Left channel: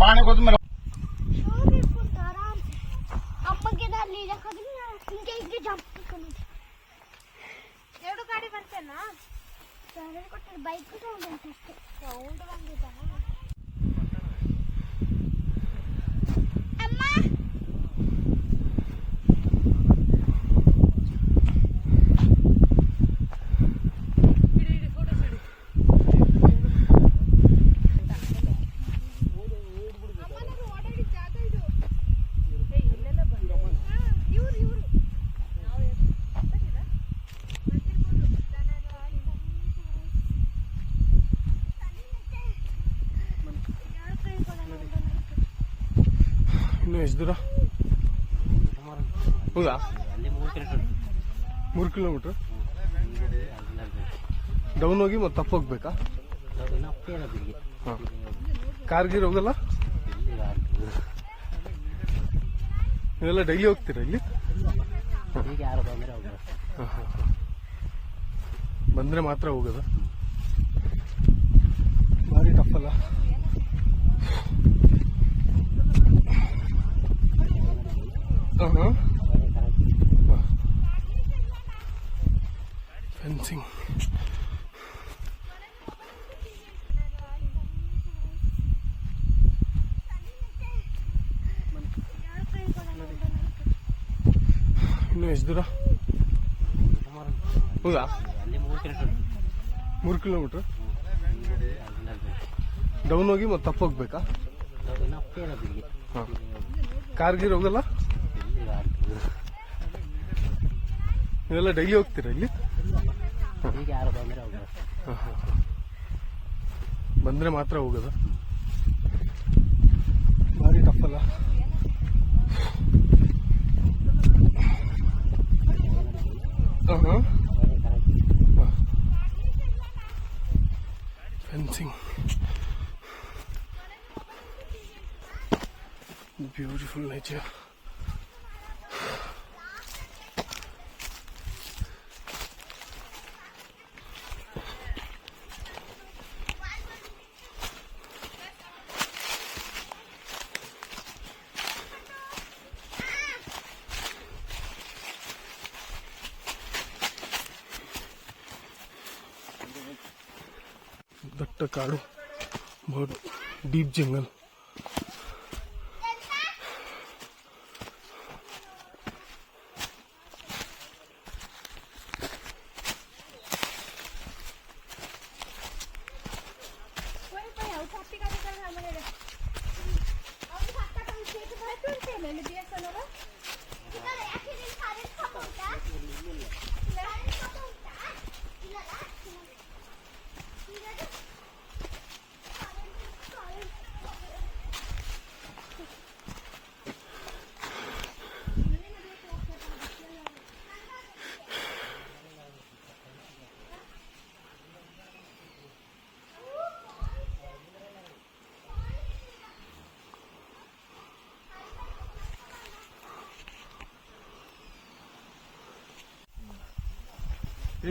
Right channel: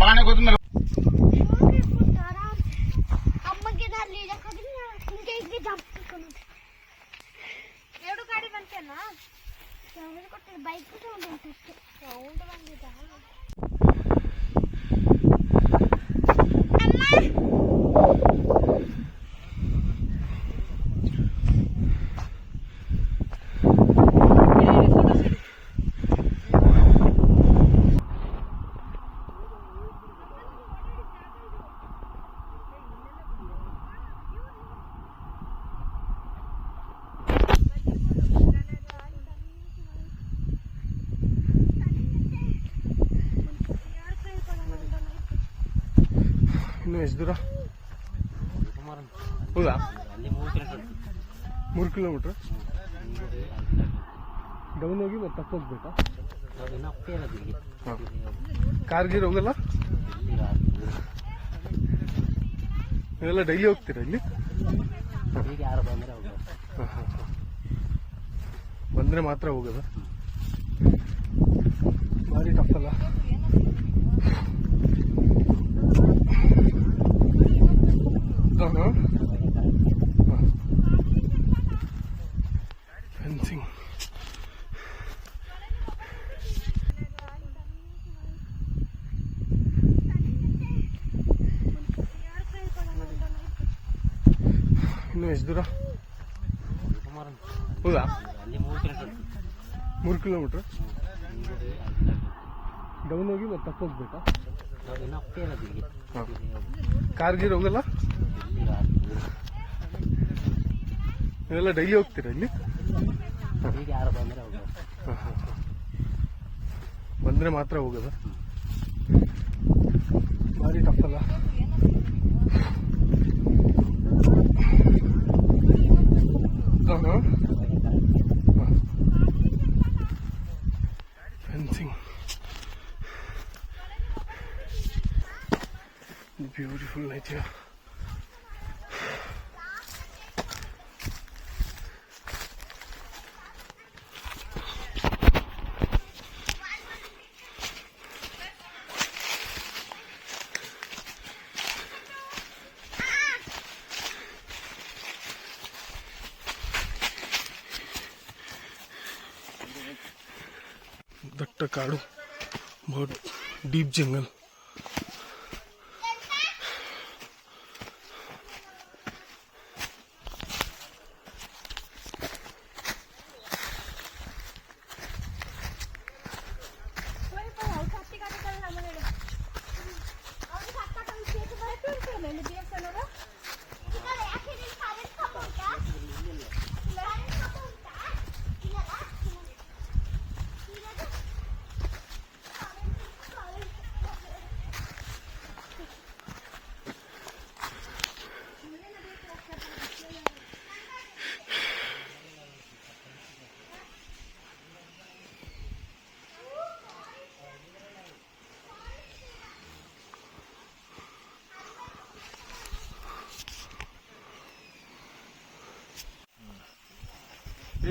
ಬಾಣ ಕೊತ್ತಂಬರಿ ಎರಡು ಗಾಡಿ ಬರ್ತೇನಾ ಬೈಕ್ ಸೌಂಡ್ ಬಂದಿದ್ದ ಇನ್ನು ಎಷ್ಟು ದೂರ? ಹೌದಾ? 3 ಕಿಲೋಮೀಟ್ರ್ ಡೌನ್ ಹೋಗಿ ಮತ್ತೆ ತಪ್ಪು ಹೋಗ್ಬೇಕಾ? ಹಾಂ. ಕಾರ್ಗಿರ್ ಹೋಗಲ್ಲ? ನೀವೆಲ್ಲ ಡೈಲಿ ಹೋಗ್ತೀರಾ ಇಲ್ಲಿ? ಹಾಂ ಹಾಂ. ಬಂದರೆ ಮಾತ್ರ ಹೋಗೋದು? ಭಾರಿ ಟಫಲ್ಲ? ಫೆನ್ಸಿಂಗ್ ಇನ್ನು ಎಷ್ಟು ದೂರ? ಹೌದಾ? 3 ಕಿಲೋಮೀಟ್ರ್ ಡೌನ್ ಹೋಗಿ ಮತ್ತೆ ತಪ್ಪು ಹೋಗ್ಬೇಕಾ? ಹಾಂ. ಕಾರ್ಗಿರ್ ಹೋಗಲ್ಲ? ನೀವೆಲ್ಲ ಡೈಲಿ ಹೋಗ್ತೀರಾ ಇಲ್ಲಿ? ಹಾಂ ಹಾಂ. ಬಂದರೆ ಮಾತ್ರ ಹೋಗೋದು? ಭಾರಿ ಟಫಲ್ಲ? ಹಾಂ ಹಾಂ. Fencing beautiful nature. ದಟ್ಟ ಕಾಡು, बहुत डीप जंगल.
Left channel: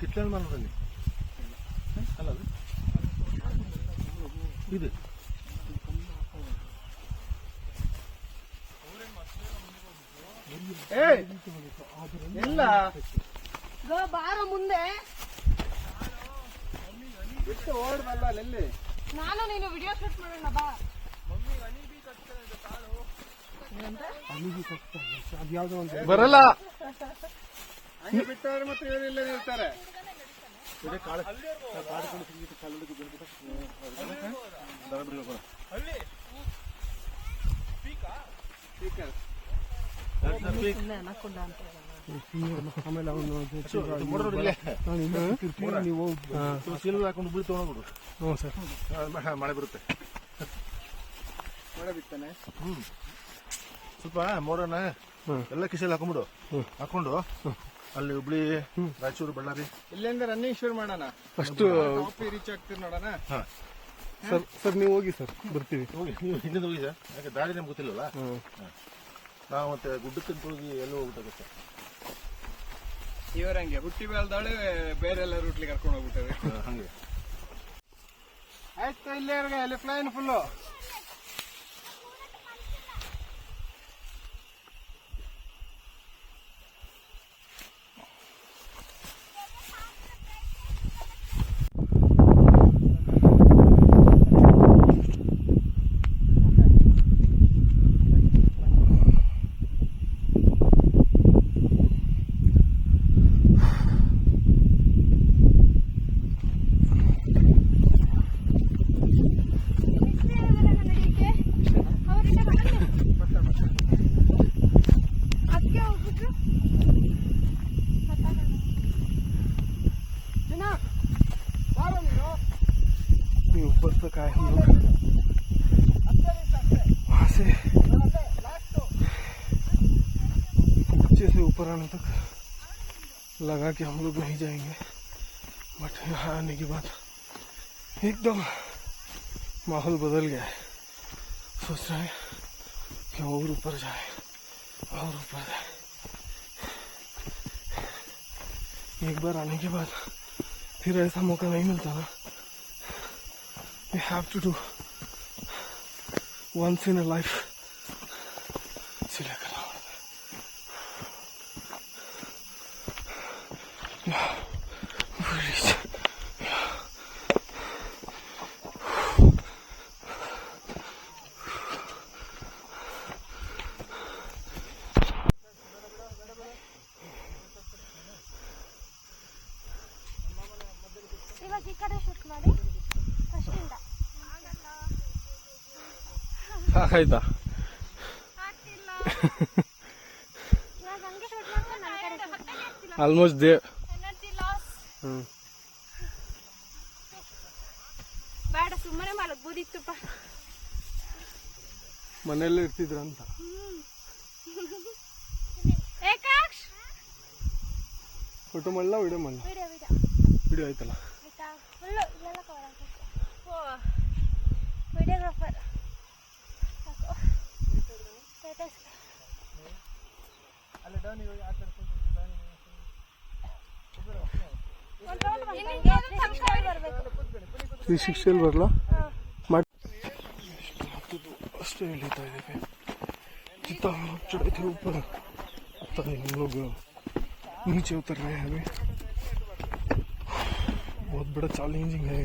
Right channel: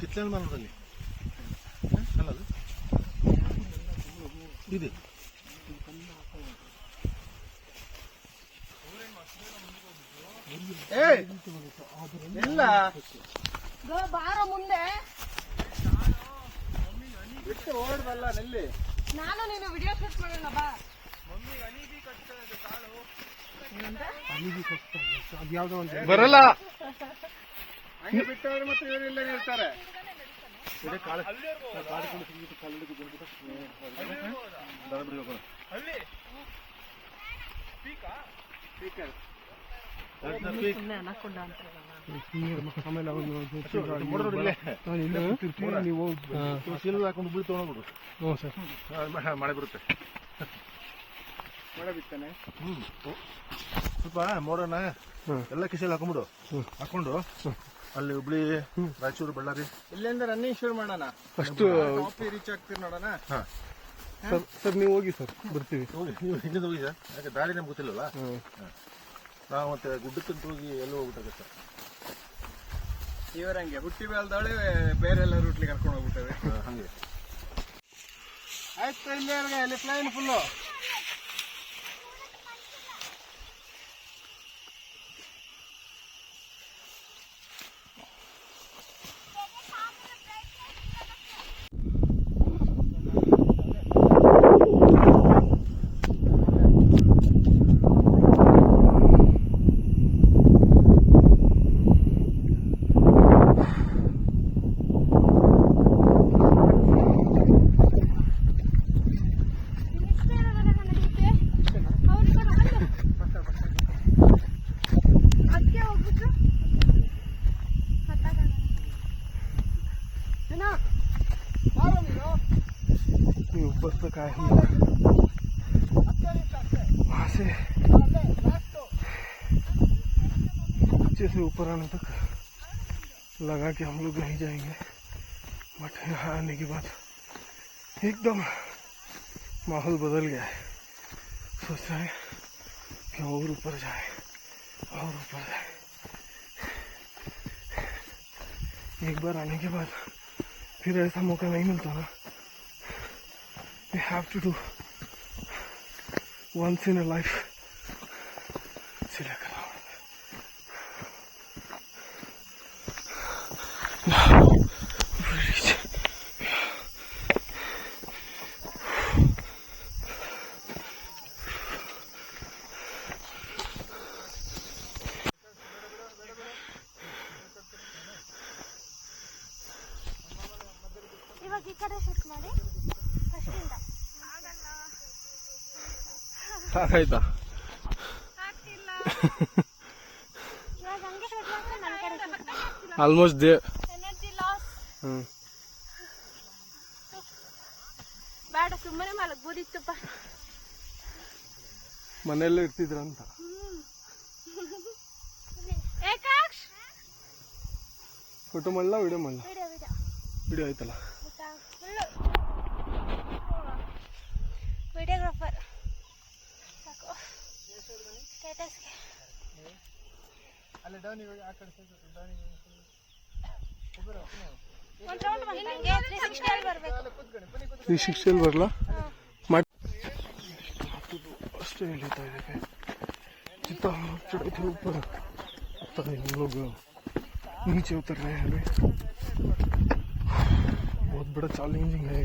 ಕಿಚ್ಚನ್ ಮನದಲ್ಲಿ ಅಲ್ಲದು ಇದು ಇಲ್ಲ ಬಾರ ಮುಂದೆ ಬಿಟ್ಟು ಓಡ್ಬಲ್ಲ ನಿಲ್ಲಿ. ನಾನು ನೀನು ವಿಡಿಯೋ ಶೂಟ್ ಮಾಡೋಣ ಬಾ. ಬರಲ್ಲ ಹಂಗೆ ಬಿಟ್ಟವ್ರು ಮತ್ತೆ ಇವರೆಲ್ಲ ಇರ್ತಾರೆ. ಹಾಕೊಂಡು ಬಿಳಿ ತಗೊಂಡ್ಬಿಡು. ಹ್ಞೂ ಸರ್, ಮಳೆ ಬರುತ್ತೆ. ಮಳೆ ಬಿತ್ತಾನೆ. ಸ್ವಲ್ಪ ಮೋಡೋಣ ಎಲ್ಲ ಕಿಸೆಲ್ಲ ಹಾಕೊಂಡ್ಬಿಡು. ಹಾಕೊಂಡು ಅಲ್ಲಿ ಹುಬ್ಳಿ, ರಾಯಚೂರು, ಬಳ್ಳಾರಿ ಇಲ್ಲಿಂದ ರನ್ನಿಂಗ್ ಶುರು ಮಾಡೋಣ. ಫಸ್ಟ್ ರೀಚ್ ಆಗ್ತೀವಿ ನೋಡೋಣ. ಸರ್ ನೀವು ಹೋಗಿ ಸರ್, ಬರ್ತೀವಿ. ಹೋಗಿ ನೀವು ಇಲ್ಲಿಂದ ಹೋಗಿ ಸರ್, ಯಾಕೆ ದಾರಿ ನಮ್ಗೆ ಗೊತ್ತಿಲ್ಲಲ್ಲ. ನಾವು ಮತ್ತೆ ಗುಡ್ಡಕ್ಕಂತ ಹೋಗಿ ಎಲ್ಲೋ ಹೋಗ್ಬಿಟ್ಟಾಗತ್ತೆ. ಇವರಂಗೆ ಹುಟ್ಟಿ ಬೆಳೆದವಳೆ ಬೇರೆ ಎಲ್ಲ ರೂಟ್ಲಿ ಕರ್ಕೊಂಡು ಹೋಗ್ಬಿಟ್ಟವೆ. ಹಂಗೆ ಆಯ್ತು, ಇಲ್ಲಿವರೆಗೆ ಅಲ್ಲಿ ಪ್ಲೈನ್ ಫುಲ್ಲು. ಹೋಗ್ಬಿಟ್ರು ये ऊपर तक आए हम लोग, वहाँ से नीचे से ऊपर आने तक लगा कि हम लोग नहीं जाएंगे, बट यहाँ आने के बाद एकदम माहौल बदल गया है। सोच रहे हैं कि और ऊपर जाए और ऊपर जाए। एक बार आने के बाद फिर ऐसा मौका नहीं मिलता ना। You have to do once in a life. ಇವಾಗ ಈ ಕಡೆ ಶೂಟ್ ಮಾಡಿ ಫಸ್ಟಿಂದ ಸಾಕಾಯ್ತಾ? ಆಗ್ತಿಲ್ಲ ನಾನು ಹಂಗೆ ಶೂಟ್ ಮಾಡ್ತೀನಿ, ಆಲ್ಮೋಸ್ಟ್ ದೇವ್. Energy loss. ಬೇಡ, ಸುಮ್ಮನೆ ಮಲಗ್ಬೋದಿತ್ತಪ್ಪ. ಮನೆಯಲ್ಲೇ ಇರ್ತಿದ್ರ ಅಂತ. ಏಕಾಕ್ಷ್ ಫೋಟೋ ಮಾಡಲ ವಿಡಿಯೋ ಮಾಡಲ? ವಿಡಿಯೋ ವಿಡಿಯೋ ಆಯ್ತಲ್ಲ. ಆಯ್ತಾ? ಫುಲ್ಲು ವಿಡಿಯೋಗ್ರಾಫರ್ ಸ್ಟೇಟಸ್ಗೆ ಒಂದು ರೌಂಡ್ ಬಂದಂಗೆ 360 ಅಲ್ಲಿ ಬರಬೇಕು. 360 ಅಲ್ಲಿ ಬರಲ್ಲ? ಮಾಡಿ ಅಷ್ಟೇ ನಡೀತಾ ಇದೆ. इतना हम लोग चढ़े थे ऊपर, पता नहीं हम लोग नीचे उतर रहे हैं अभी। बहुत बड़ा चैलेंजिंग है।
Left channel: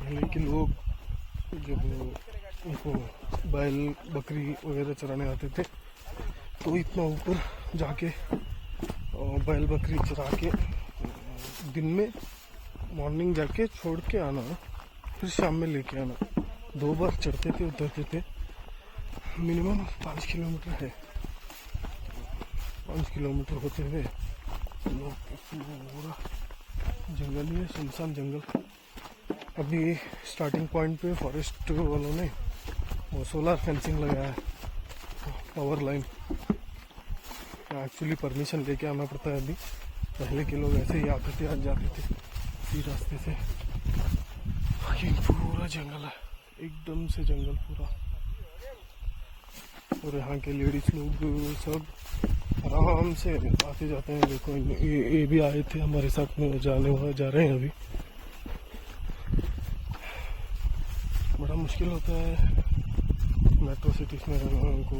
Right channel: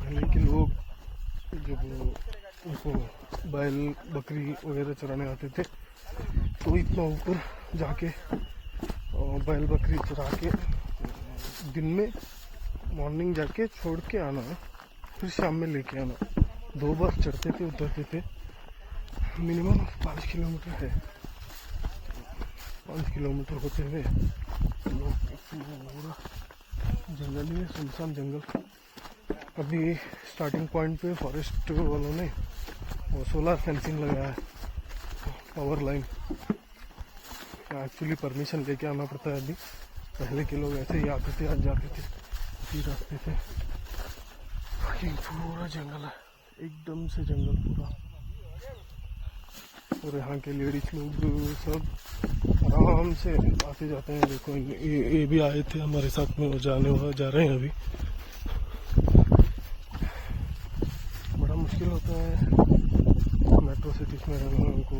पहले के लोग जब उनको बैल बकरी वगैरह चराने आते थे तो इतना ऊपर जाके बैल बकरी चरा के दिन में मॉर्निंग जाके छोड़ के आना, फिर शाम में लेके आना। 2 बार चढ़ते थे उतरते थे। मिनिमम 5 किलोमीटर है। 5 किलोमीटर होते हुए लोग पूरा जंगल ही है, सुनसान जंगल। अभी स्टार्टिंग पॉइंट पे फॉरेस्ट वालों ने वो सोलर फेंसिंग लगाया है, पावर लाइन। एक्चुअली परमिशन लेके आना पड़ता है अभी। पहले के लोग ऐसे ही आते थे, आज जाते थे इसी रास्ते से। लेकिन पूरा जंगल है, एकदम से जंगल पूरा। और यहाँ के लेडीज लोग सब आराम से आते जाते हैं। देखो ये भी आए थे हमारे साथ में, जा रहे हैं अभी। बड़ा मुश्किल होता है मेट्रो सिटीज में रहना। उनको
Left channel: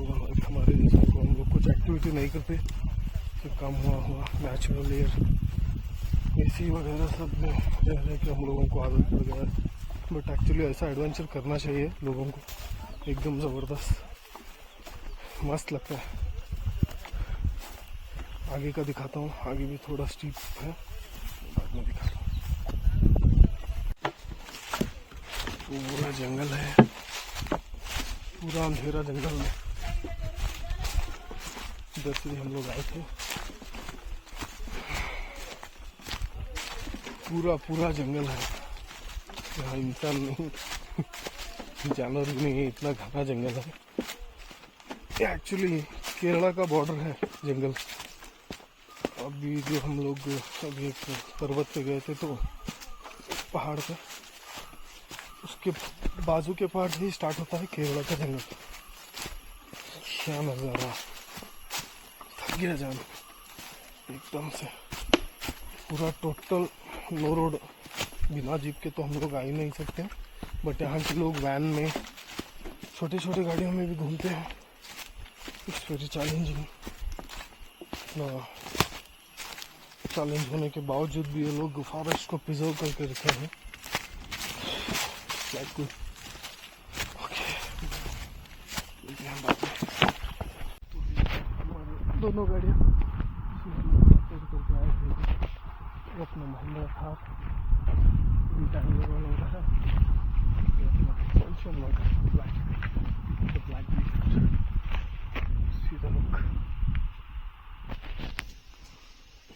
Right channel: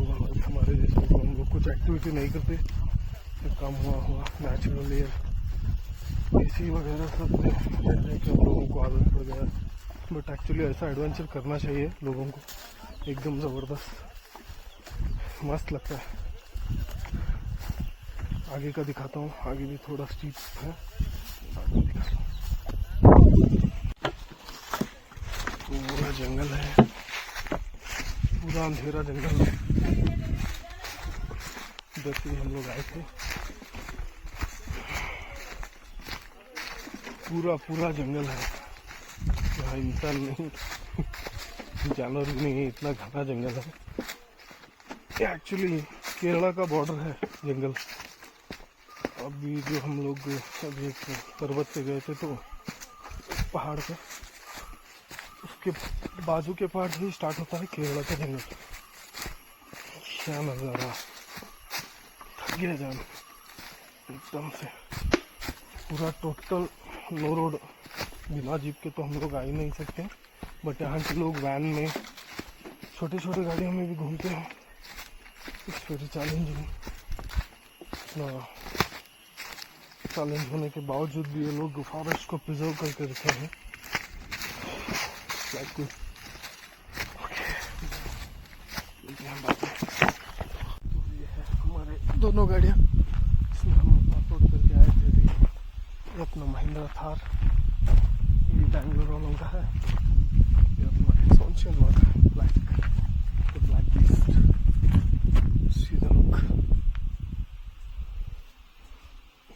हमारे जैसे हम लोग कुछ एक्टिविटी नहीं करते, तो काम हुआ नेचुरल एयर एसी वगैरह सब में रह के हम लोगों को आदत पड़ गया है। बट एक्चुअली ऐसा एडवेंचर करना चाहिए लोगों को, एकदम ज़बरदस्त मस्त लगता है। आगे का दिखाता हूँ, आगे भी थोड़ा स्टीप है, पूरा जंगल है, पूरा अंधेरा जंगल है। इधर से हम लोग आए थे। पूरा जंगल है, यहाँ इंसान नहीं जानवर भी नहीं है, इतना घना जंगल है। एक्चुअली केरला का बॉर्डर है जंगल। अभी जो हम लोग अभी एक पर्वत पे गए थे तो पहाड़ पे, उसके बाजू के पहाड़ से ही स्टार्ट होता है केरला का जंगल। क्या नज़ारा, थक गया जान एकदम से। पूरा टोटल नो रोड, बिना जीप के तो हम लोग आ ही नहीं सकते। बट यहाँ के लोग वैन में, छोटे छोटे गाड़ियों में भी घूमते हैं। It's very challenging. चैलेंज होने के बावजूद भी ये लोग फॉरेस्ट को प्रिजर्व करके रखे हैं। हमारे दोनों गाड़ियाँ सपोर्ट करके आए थे। ये अपना महिंद्रा थार, ये बैंगलोर वालों का है। ये अपना solution black beast. See the look.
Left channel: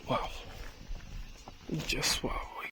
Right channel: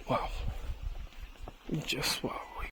Wow. Just wow.